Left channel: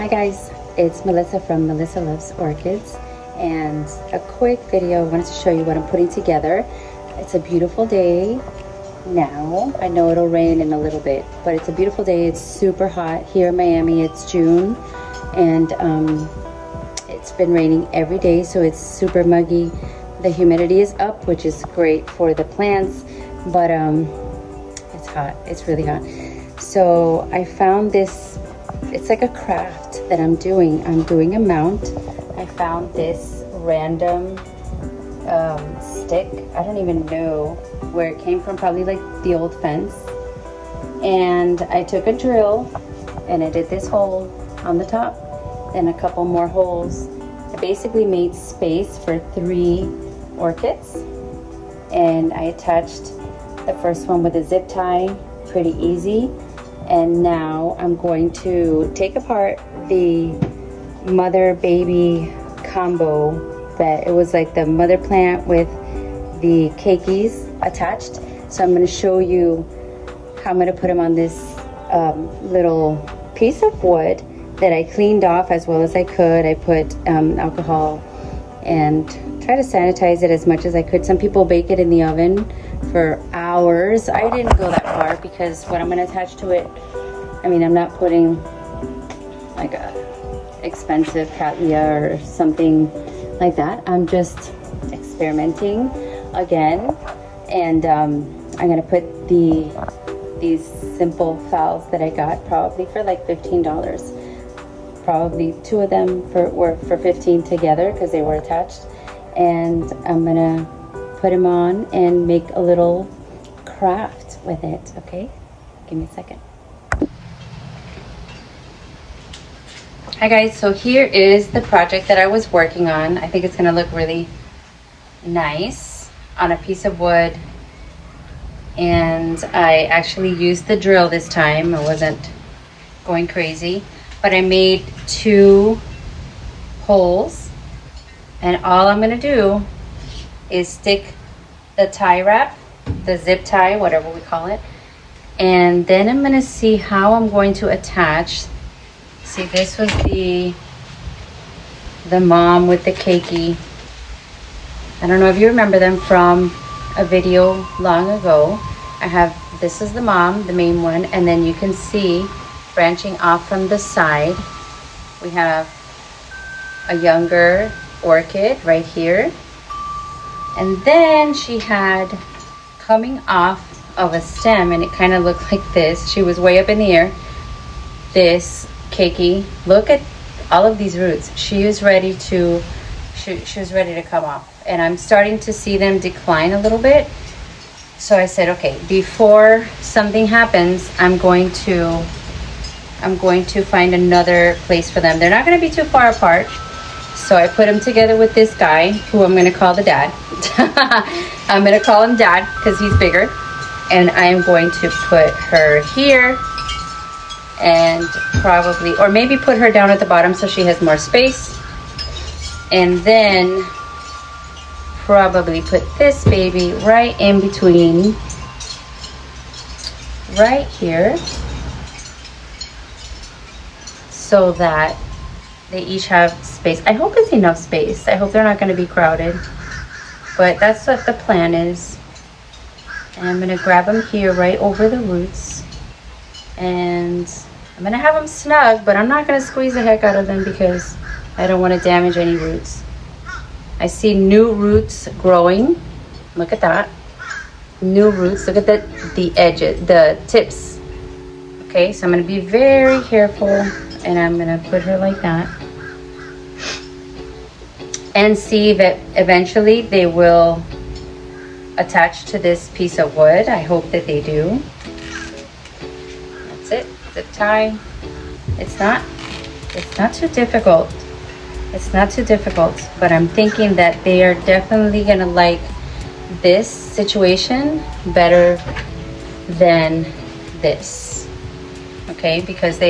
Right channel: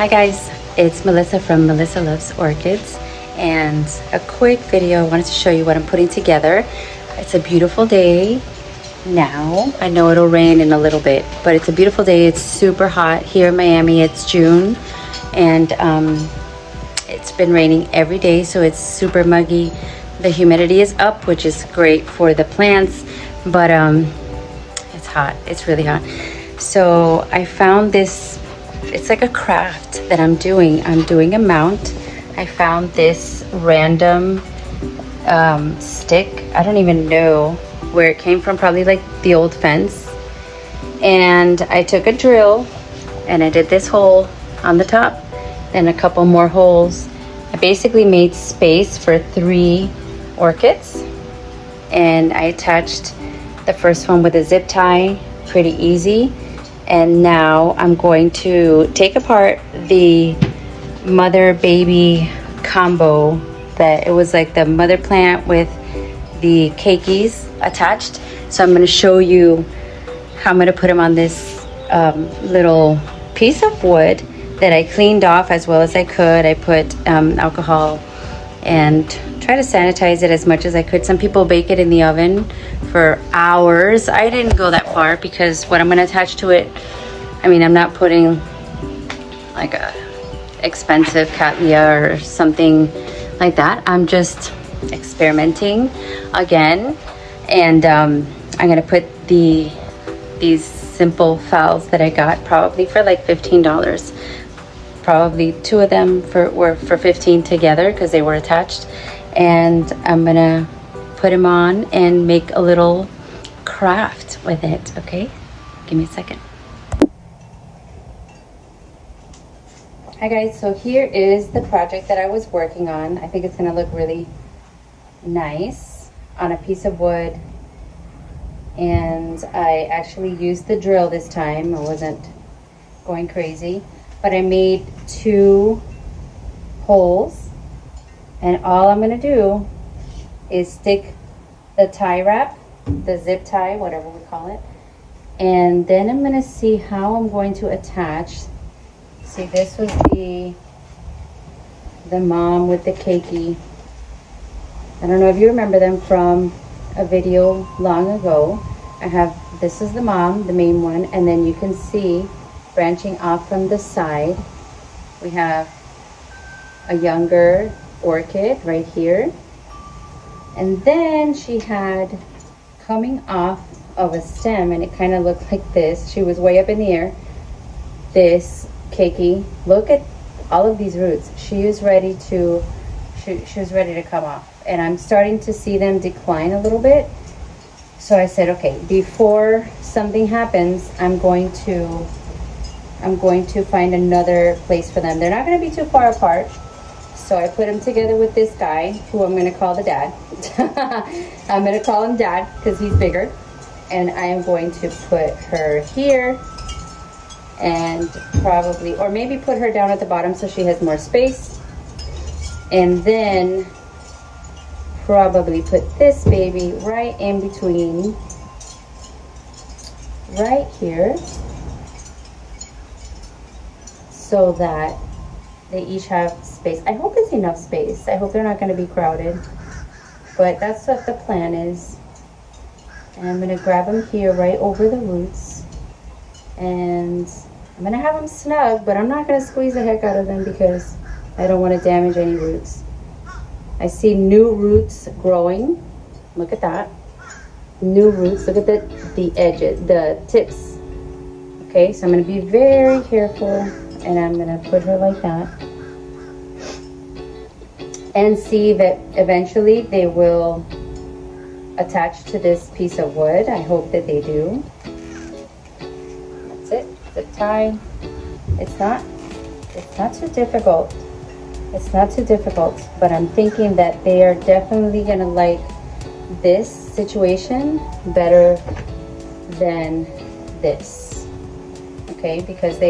Hi guys, it's Melissa from Melissa Loves Orchids, and a quick video. I wanted to show you what I'm putting together. It's a beautiful day now. I know it'll rain in a little bit, but it's a beautiful day. It's super hot here in Miami. It's June, and it's been raining every day, so it's super muggy. The humidity is up, which is great for the plants, but it's hot. It's really hot. So I found this. It's like a craft that I'm doing. I'm doing a mount. I found this random stick. I don't even know where it came from, probably like the old fence. And I took a drill and I did this hole on the top, then a couple more holes. I basically made space for 3 orchids, and I attached the first one with a zip tie, pretty easy. And now I'm going to take apart the mother baby combo, that it was like the mother plant with the keikis attached. So I'm going to show you how I'm going to put them on this little piece of wood that I cleaned off as well as I could. I put alcohol and try to sanitize it as much as I could. Some people bake it in the oven for hours. I didn't go that far because what I'm going to attach to it, I mean, I'm not putting like a expensive cattleya or something like that. I'm just experimenting again, and I'm going to put these simple phals that I got probably for like $15. Probably 2 of them were for 15 together because they were attached, and I'm gonna put them on and make a little craft with it. Okay, give me a second. Hi guys, so here is the project that I was working on. I think it's gonna look really nice on a piece of wood, and I actually used the drill this time. I wasn't going crazy, but I made 2 holes, and all I'm gonna do is stick the tie wrap, the zip tie, whatever we call it, and then I'm gonna see how I'm going to attach. See, this was the mom with the keiki. I don't know if you remember them from a video long ago. This is the mom, the main one, and then you can see branching off from the side, we have a younger orchid right here, and then she had coming off of a stem, and it kind of looked like this. She was way up in the air. This keiki, look at all of these roots. She was ready to come off, and I'm starting to see them decline a little bit. So I said, okay, before something happens, I'm going to find another place for them. They're not going to be too far apart. So I put them together with this guy, who I'm going to call the dad. I'm going to call him Dad because he's bigger. And I am going to put her here, and probably, or maybe put her down at the bottom so she has more space. And then probably put this baby right in between, right here, so that they each have space. I hope it's enough space. I hope they're not going to be crowded, but that's what the plan is. And I'm going to grab them here right over the roots, and I'm going to have them snug, but I'm not going to squeeze the heck out of them because I don't want to damage any roots. I see new roots growing. Look at that. New roots. Look at the edges, the tips. Okay, so I'm going to be very careful, and I'm going to put her like that, and see that eventually they will attach to this piece of wood. I hope that they do. That's it. Zip tie. It's not too difficult. It's not too difficult, but I'm thinking that they are definitely gonna like this situation better than this. Okay, because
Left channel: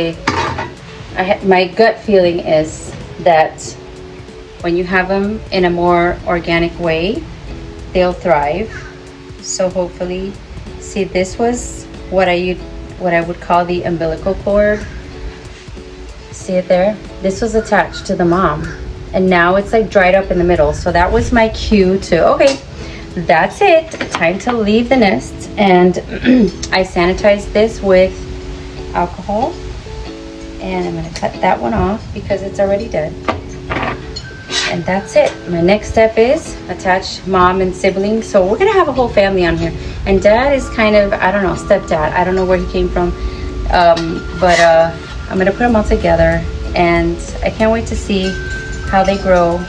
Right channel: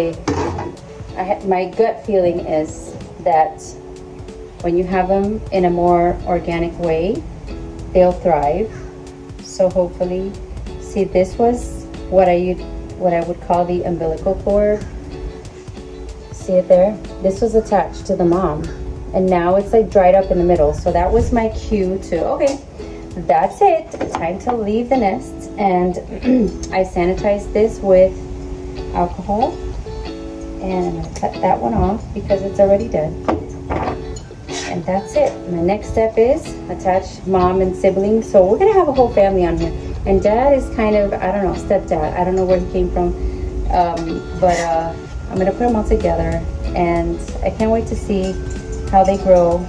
my gut feeling is that when you have them in a more organic way, they'll thrive. So hopefully, see, this was what I would call the umbilical cord. see it there? This was attached to the mom, and now it's like dried up in the middle. So that was my cue to, okay, that's it, time to leave the nest. And I sanitized this with alcohol, and I'm gonna cut that one off because it's already dead. And that's it. My next step is attach mom and siblings. So we're gonna have a whole family on here. And dad is kind of, I don't know, stepdad. I don't know where he came from. But I'm gonna put them all together, and I can't wait to see how they grow.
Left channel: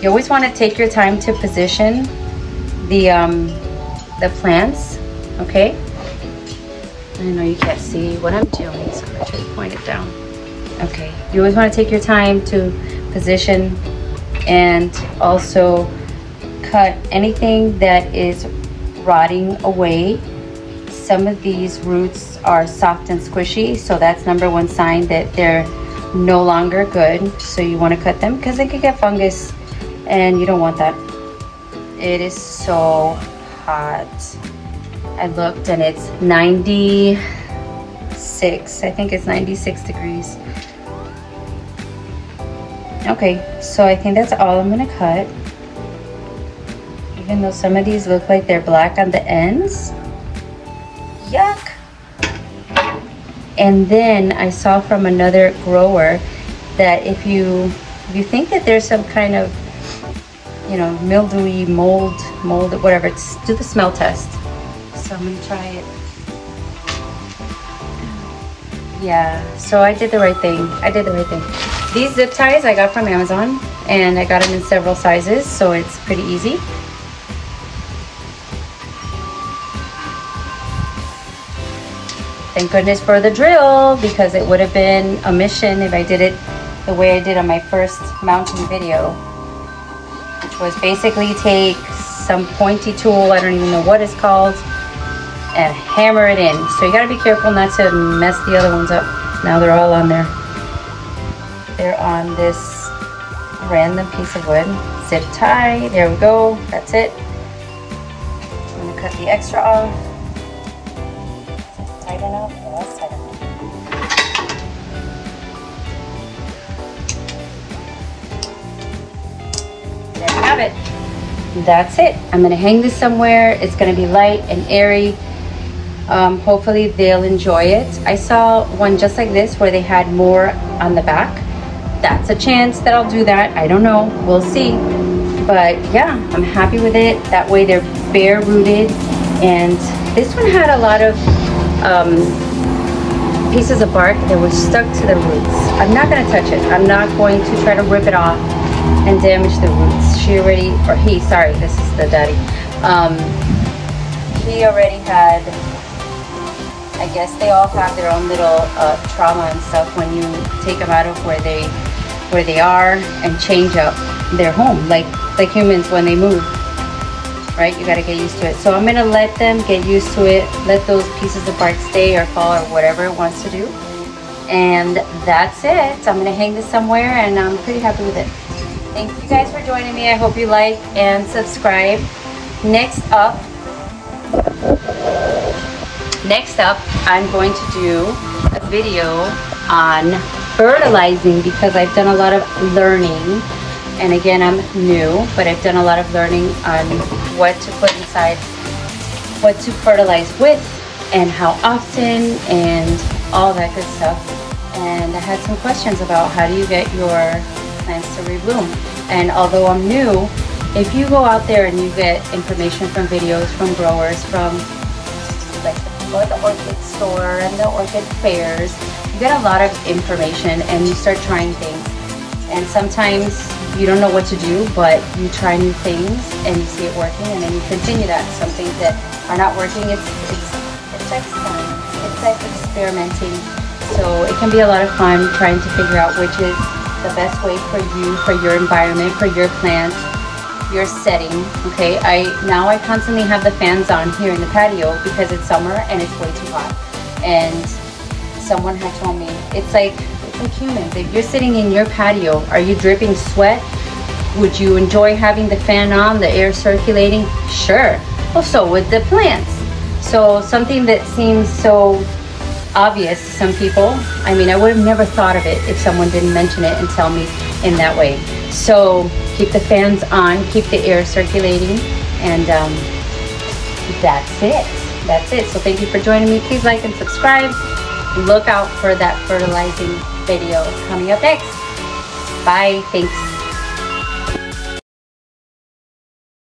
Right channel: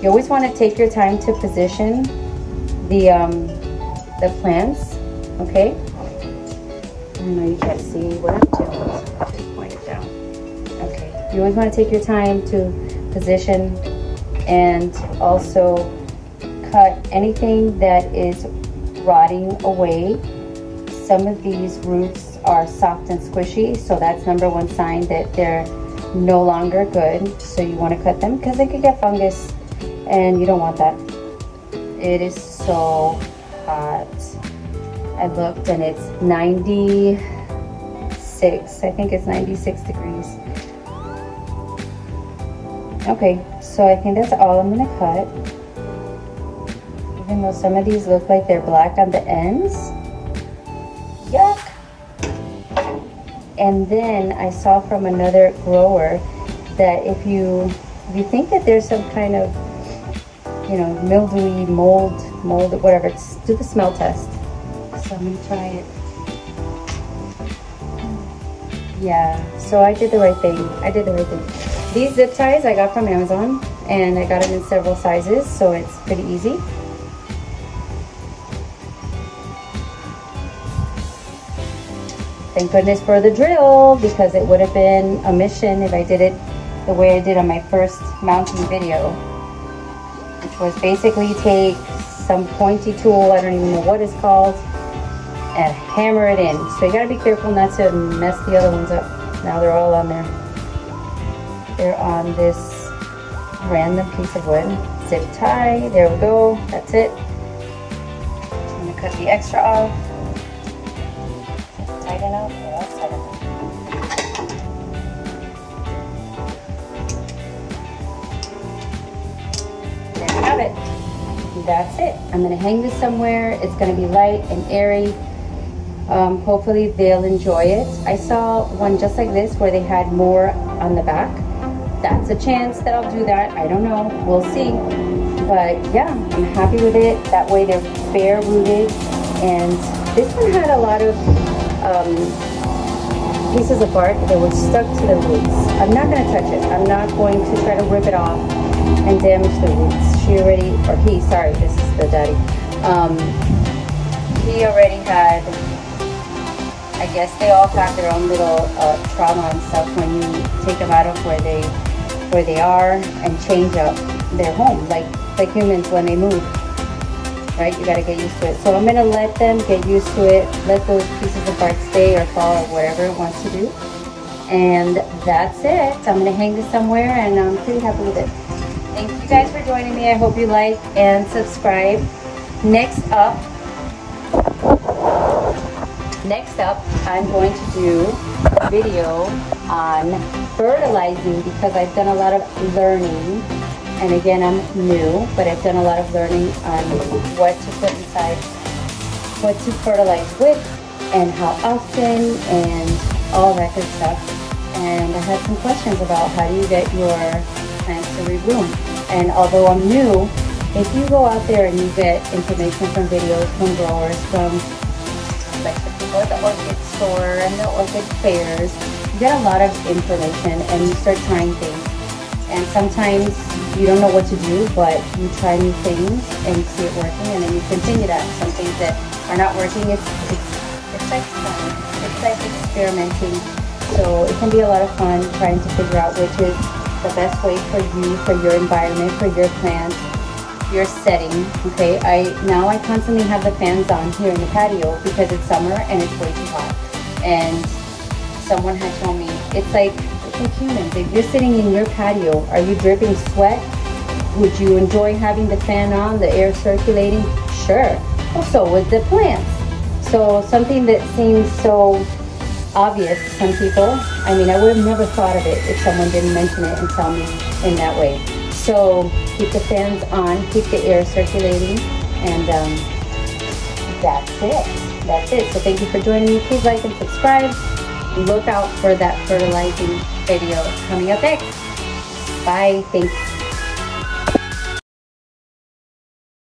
You always wanna take your time to position the plants, okay? I know you can't see what I'm doing, so I try to point it down. Okay, you always wanna take your time to position, and also cut anything that is rotting away. Some of these roots are soft and squishy, so that's number one sign that they're no longer good. So you want to cut them because they could get fungus, and you don't want that. It is so hot. I looked and it's 96. I think it's 96 degrees. Okay, so I think that's all I'm gonna cut. Even though some of these look like they're black on the ends. Yuck! And then I saw from another grower that if you think that there's some kind of, you know, mildewy, mold, whatever, do the smell test. So I'm gonna try it. Yeah, so I did the right thing. I did the right thing. These zip ties I got from Amazon, and I got them in several sizes, so it's pretty easy. Thank goodness for the drill, because it would have been a mission if I did it the way I did on my first mounting video, which was basically take some pointy tool, I don't even know what it's called, and hammer it in. So you gotta be careful not to mess the other ones up. Now they're all on there. They're on this random piece of wood. Zip tie, there we go, that's it. I'm gonna cut the extra off. Tight enough? Yeah, that's tight enough. There you have it. That's it. I'm gonna hang this somewhere. It's gonna be light and airy. Hopefully they'll enjoy it. I saw one just like this where they had more on the back. That's a chance that I'll do that. I don't know, we'll see. But yeah, I'm happy with it. That way they're bare rooted. And this one had a lot of pieces of bark that were stuck to the roots. I'm not gonna touch it. I'm not going to try to rip it off and damage the roots. She already, or he, sorry, this is the daddy. He already had, I guess they all have their own little trauma and stuff when you take them out of where they are and change up their home, like humans when they move, right? You gotta get used to it. So I'm gonna let them get used to it, let those pieces of bark stay or fall or whatever it wants to do. And that's it. I'm gonna hang this somewhere, and I'm pretty happy with it. Thank you guys for joining me. I hope you like and subscribe. Next up, I'm going to do a video on fertilizing, because I've done a lot of learning, and again, I'm new, but I've done a lot of learning on what to put inside, what to fertilize with, and how often, and all that good stuff. And I had some questions about how do you get your plants to rebloom. And although I'm new, if you go out there and you get information from videos, from growers, from like the people at the orchid store and the orchid fairs, you get a lot of information and you start trying things. And sometimes you don't know what to do, but you try new things and you see it working, and then you continue that. Some things that are not working, it's like experimenting. So it can be a lot of fun trying to figure out which is the best way for you, for your environment, for your plants, your setting. Okay, I constantly have the fans on here in the patio because it's summer and it's way too hot. And someone had told me it's like humans. If you're sitting in your patio, are you dripping sweat? Would you enjoy having the fan on, the air circulating? Sure. Well, so would the plants. So something that seems so obvious to some people. I mean, I would have never thought of it if someone didn't mention it and tell me in that way. So keep the fans on, keep the air circulating, and that's it. That's it. So thank you for joining me. Please like and subscribe. Look out for that fertilizing video coming up next. Bye. Thanks.